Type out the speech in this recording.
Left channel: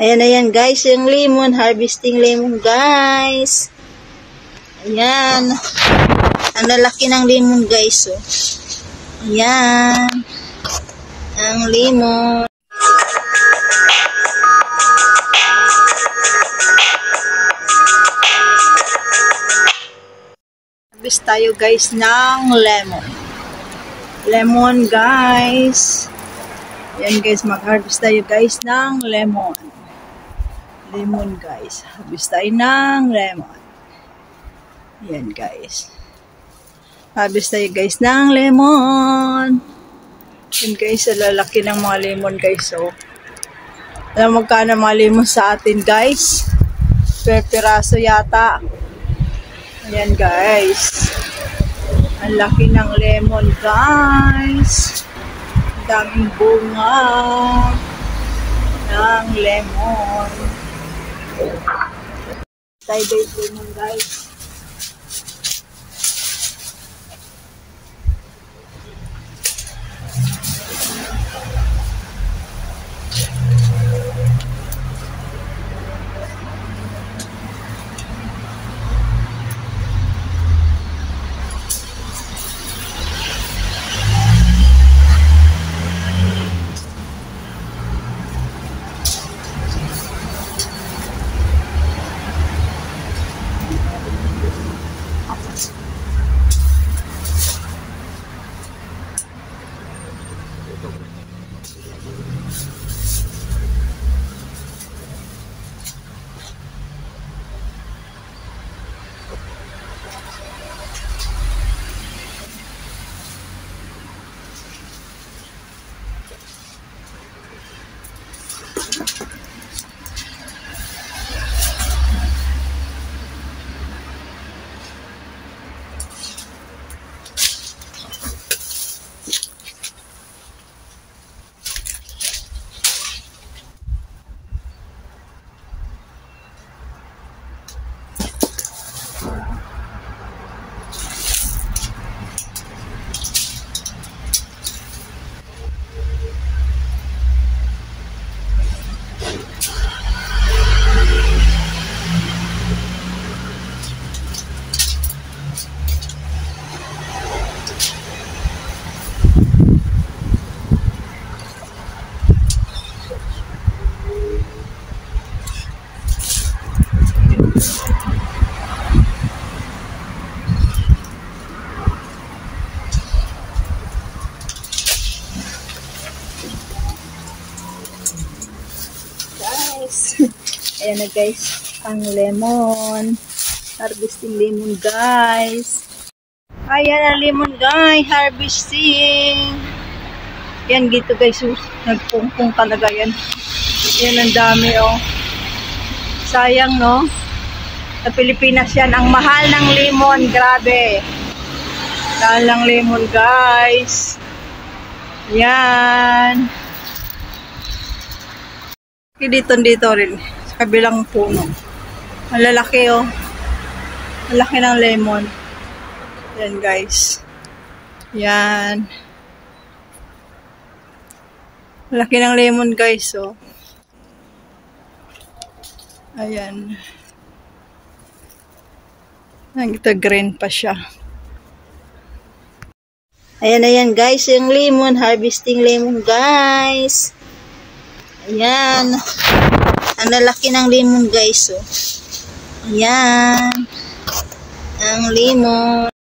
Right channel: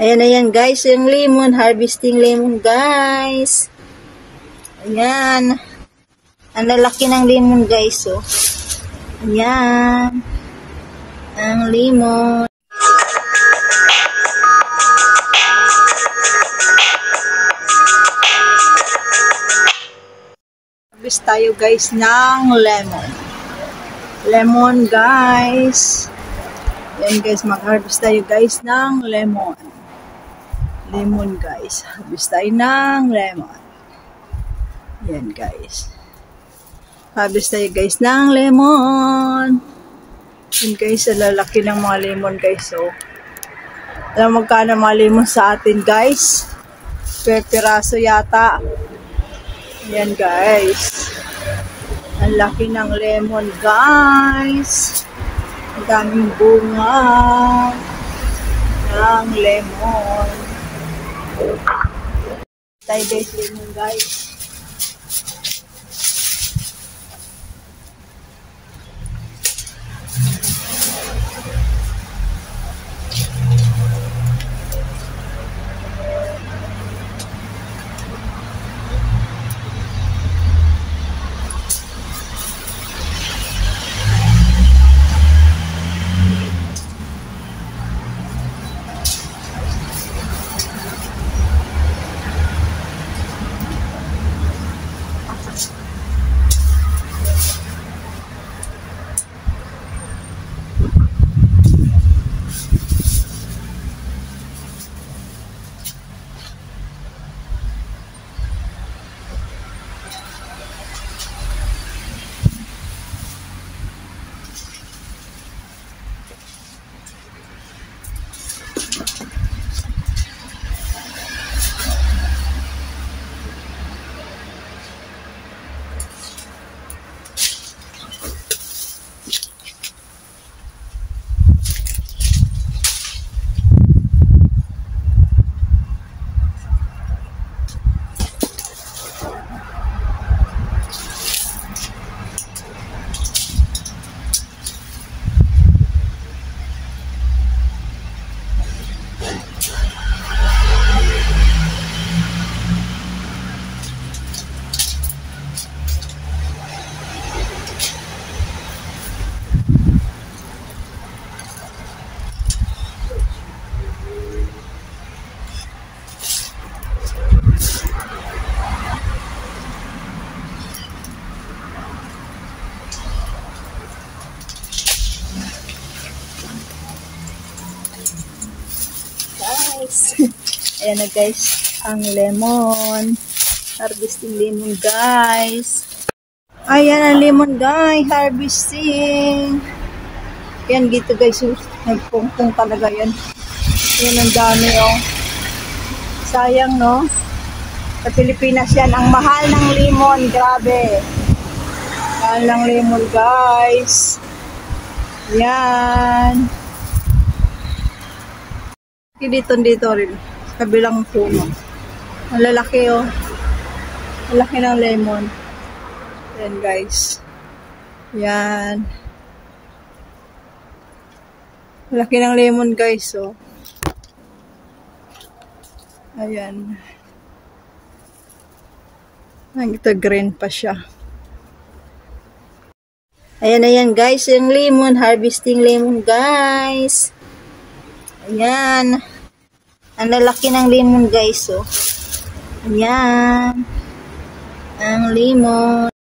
Ayan na yan guys, yung lemon, harvesting lemon guys. Ayan. Ang lalaki ng lemon guys, oh. Ayan. Ang lemon. Harvest tayo guys ng lemon. Lemon guys. Ayan guys, mag-harvest tayo guys ng lemon. Lemon guys. Harvest tayo ng lemon. Ayan guys. Harvest tayo guys ng lemon. Ayan guys, lalaki ng mga lemon guys. So, alam mo magkano mga lemon sa atin guys? Per piraso yata. Ayan guys. Ang laki ng lemon guys. Ang daming bunga ng lemon. Tayo guys, lemon guys. Ayan na guys, ang lemon. Harvesting lemon guys. Ayan ang lemon guys, harvesting. Yan dito guys, nagpumpong talaga yan. Yan ang dami oh. Sayang no. Sa Pilipinas yan, ang mahal ng lemon, grabe. Mahal ng lemon guys. Yan. Dito rin. Kabilang puno. Malalaki oh. Malaki ng lemon. Yan guys. Yan. Malaki ng lemon guys oh. Ayan. Ito green pa siya. Ayan na yan guys. Yung lemon. Harvesting lemon guys. Ayan. Ang lalaki ng lemon guys, oh. Ayan. Ang lemon.